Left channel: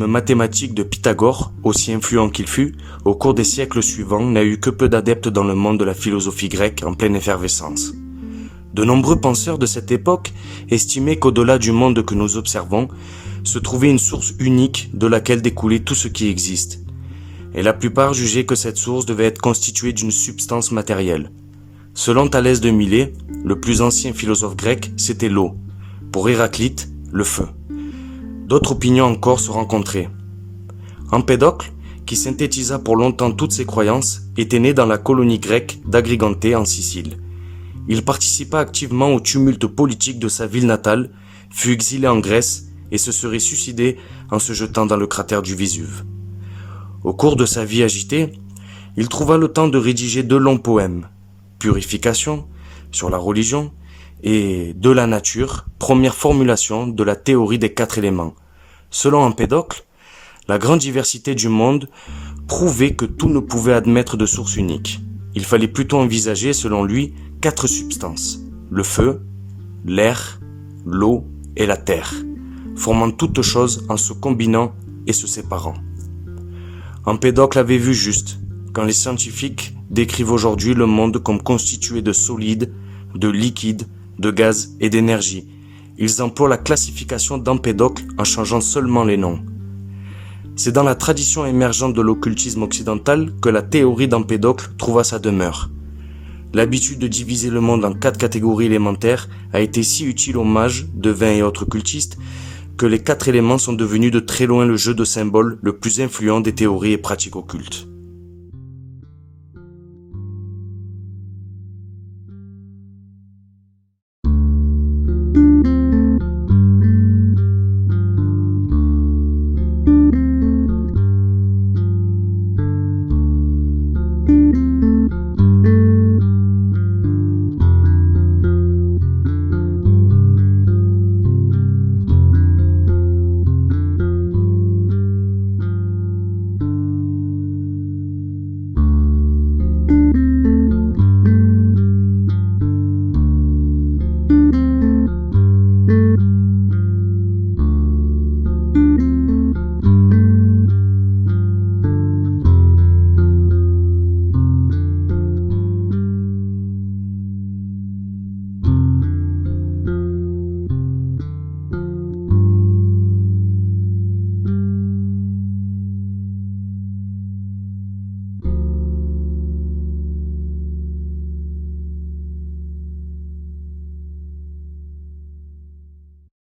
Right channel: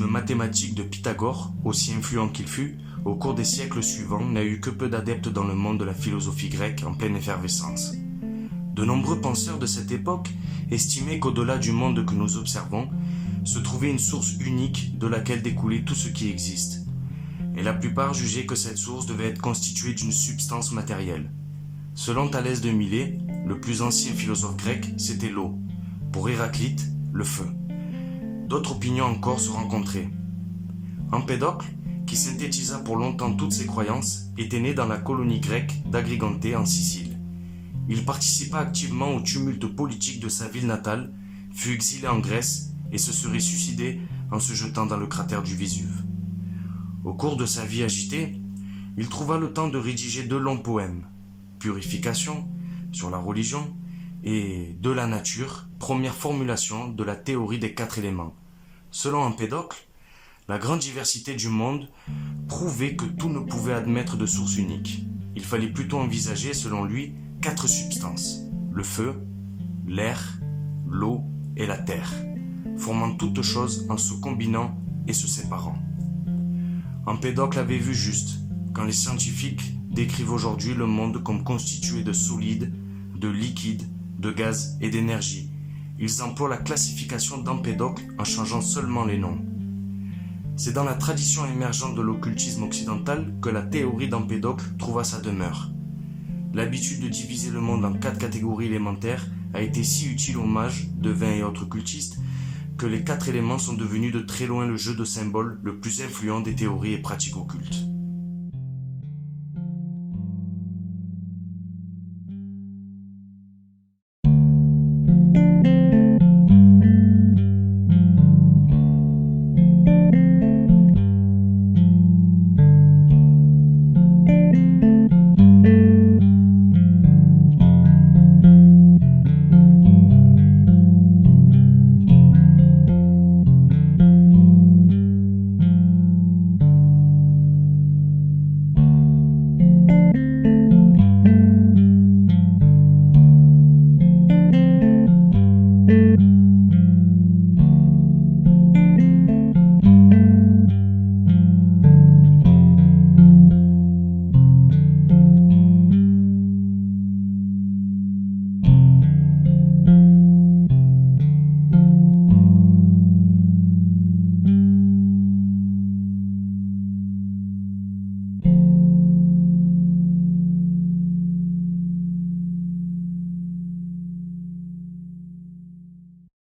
théorème mathématique de Pythagore, aussi influent qu'il fut, au cours des siècles suivants, n'a eu que peu d'adeptes dans le monde de la philosophie grecque en pleine effervescence. De nombreux penseurs de cette époque estimaient qu'au-delà du monde que nous observons, se trouvait une source unique de laquelle découlait tout ce qui existe. Et la plupart jugeaient que cette source devait être constituée d'une substance matérielle. Selon Thalès de Milet, le plus ancien philosophe grec, c'était l'eau. Pour Héraclite, le feu. D'autres opinions encore se rencontraient. Empédocle, qui synthétisa pour longtemps toutes ses croyances, était né dans la colonie grecque d'Agriganté en Sicile. Il participa activement au tumulte politique de sa ville natale, fut exilé en Grèce et se serait suicidé en se jetant dans le cratère du Vésuve. Au cours de sa vie agitée, il trouva le temps de rédiger 2 longs poèmes, Purification, sur la religion, et De la nature, première formulation de la théorie des 4 éléments. Selon Empédocle, la grande diversité du monde prouvait que tout ne pouvait admettre de source unique. Il fallait plutôt envisager, selon lui, 4 substances, le feu, l'air, l'eau et la terre, formant toutes choses en se combinant et se séparant. Empédocle avait vu juste, quand les scientifiques décrivent aujourd'hui le monde comme constitué de solides, de liquides, de gaz et d'énergie. Ils emploient la classification d'Empédocle en changeant seulement les noms. C'est dans la tradition émergente de l'occultisme occidental que la théorie d'Empédocle trouva sa demeure. L'habitude de diviser le monde en 4 catégories élémentaires a été si utile aux mages, devins et autres cultistes que les 4 éléments sont devenus de très loin le jeu de symboles le plus influent des théories et pratiques occultes.